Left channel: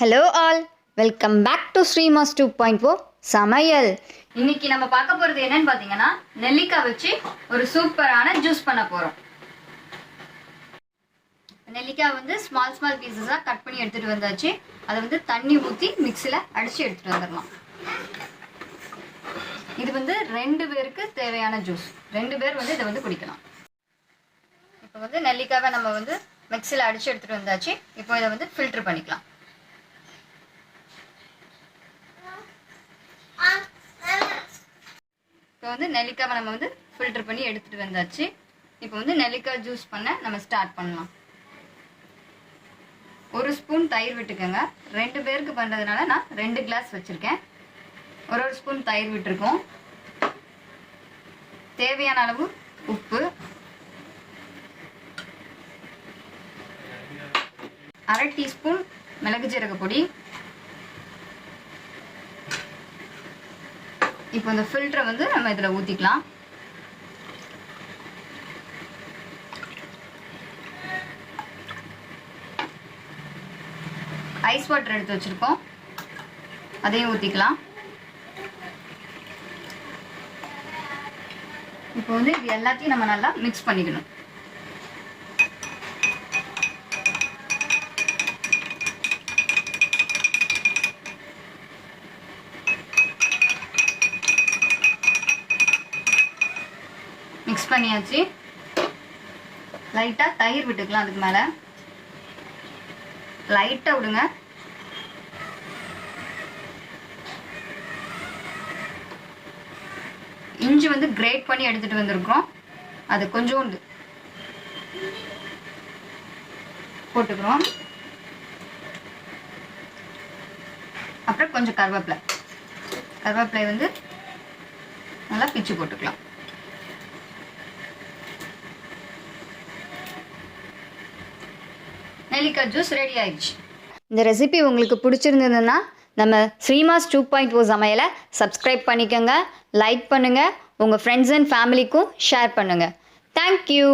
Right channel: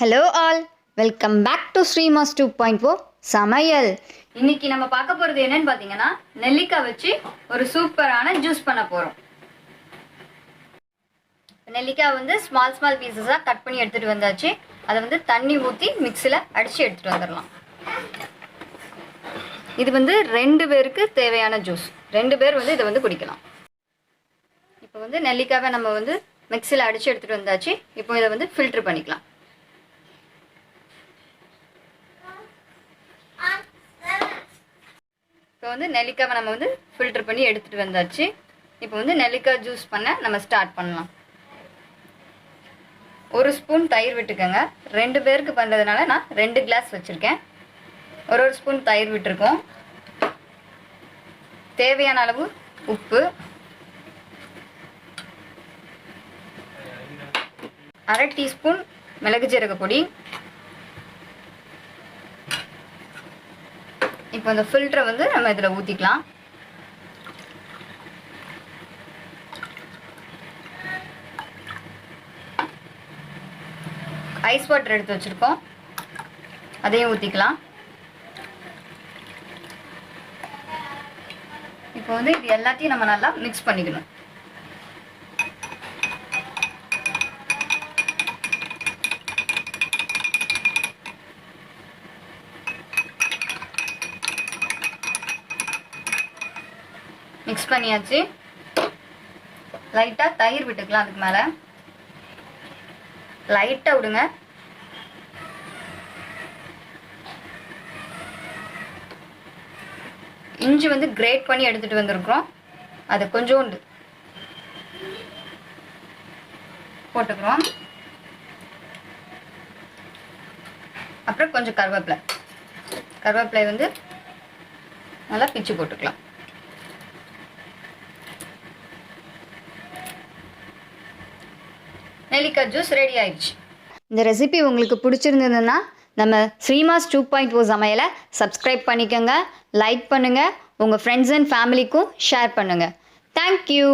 Hello all, welcome back to Srimas 2.0 Samayal. இன்னைக்கு நம்ம பார்க்க போறது என்னன்னு பாத்தீங்கன்னா நெல்லிக்காய் வச்சு ஒரு சூப்பரான ஜூஸ் பண்ண போறோம். நெல்லிக்காய் வந்து ஸ்மால் பீசஸா கட் பண்ணி எடுத்துட்டு வந்தாச்சு. அதை வந்து தண்ணி ஊத்தி மிக்ஸில அடிச்சு எடுத்துட்டு வந்துடலாம். இது வந்து 2 பேருக்கு தேவையான ஜூஸ். 2 பேர் வந்து இதை வந்து குடிக்கலாம். இப்போ வந்து நெல்லிக்காவை நம்ம வந்து மிக்ஸில அடிச்சு எடுத்துட்டு வந்தாச்சு. இப்போ இதை வந்து ஃபில்டர் பண்ணிக்கலாம். இப்போ வந்து நெல்லிக்காவை நம்ம வந்து ஃபில்டர் பண்ணி எடுத்துட்டு வந்தாச்சு. இப்போ வந்து நெல்லிக்காய் ஜூஸ் பண்ண நம்ம ஸ்டார்ட் பண்ணலாம். 1 ஸ்பூன் தயிர் விட்டுக்கோங்க. 2 பேருக்கு பண்ணுறதுனால நான் 2 கிளாஸ் வச்சுருக்கேன். ஒரு ஸ்பூன் தயிர் விட்டுருக்கோம். தேவையான அளவு உப்பு, 1/2 டீஸ்பூன் மிளகு ஜீரக பொடி. இப்போ இந்த ஃபில்டரை வந்து நம்ம இதில் ஊற்றிக்கலாம். ஐஸ் வாட்டர் எடுத்து வச்சுருக்கோம், அதையும் ஊற்றிக்கலாம். இப்போ வந்து இது எல்லாத்தையும் நம்ம நல்லா மிக்ஸ் பண்ணிக்கணும். மிக்ஸ் பண்ணியாச்சு. லைட்டாக தயிர் விட்டுக்கலாம். அதுக்கு மேலே லைட்டாக விடுங்க. இஞ்சி வந்து கிரேட் பண்ணி எடுத்துகிட்டு வந்திருக்கிறோம், அது கொஞ்சோண்டு போட்டுக்கிறோம். அப்புறம் கொஞ்சம் கருவேப்பிலை வந்து நல்லா பிச்சு போட்டுக்கலாம். நெல்லிக்காய் ஜூஸ் ரெடி ஆயிடுச்சு. இந்த ரெசிபி உங்களுக்கு பிடிச்சிருந்ததுன்னா நம்ம ஸ்ரீமாஸ் 2.0 சமையலை சப்ஸ்கிரைப் பண்ணிக்கோங்க, லைக் பண்ணுங்கள், உங்கள் ஃப்ரெண்ட்ஸ் அண்ட் ஃபேமிலிக்கும் ஷேர் பண்ணுங்கள். தேங்க்யூ.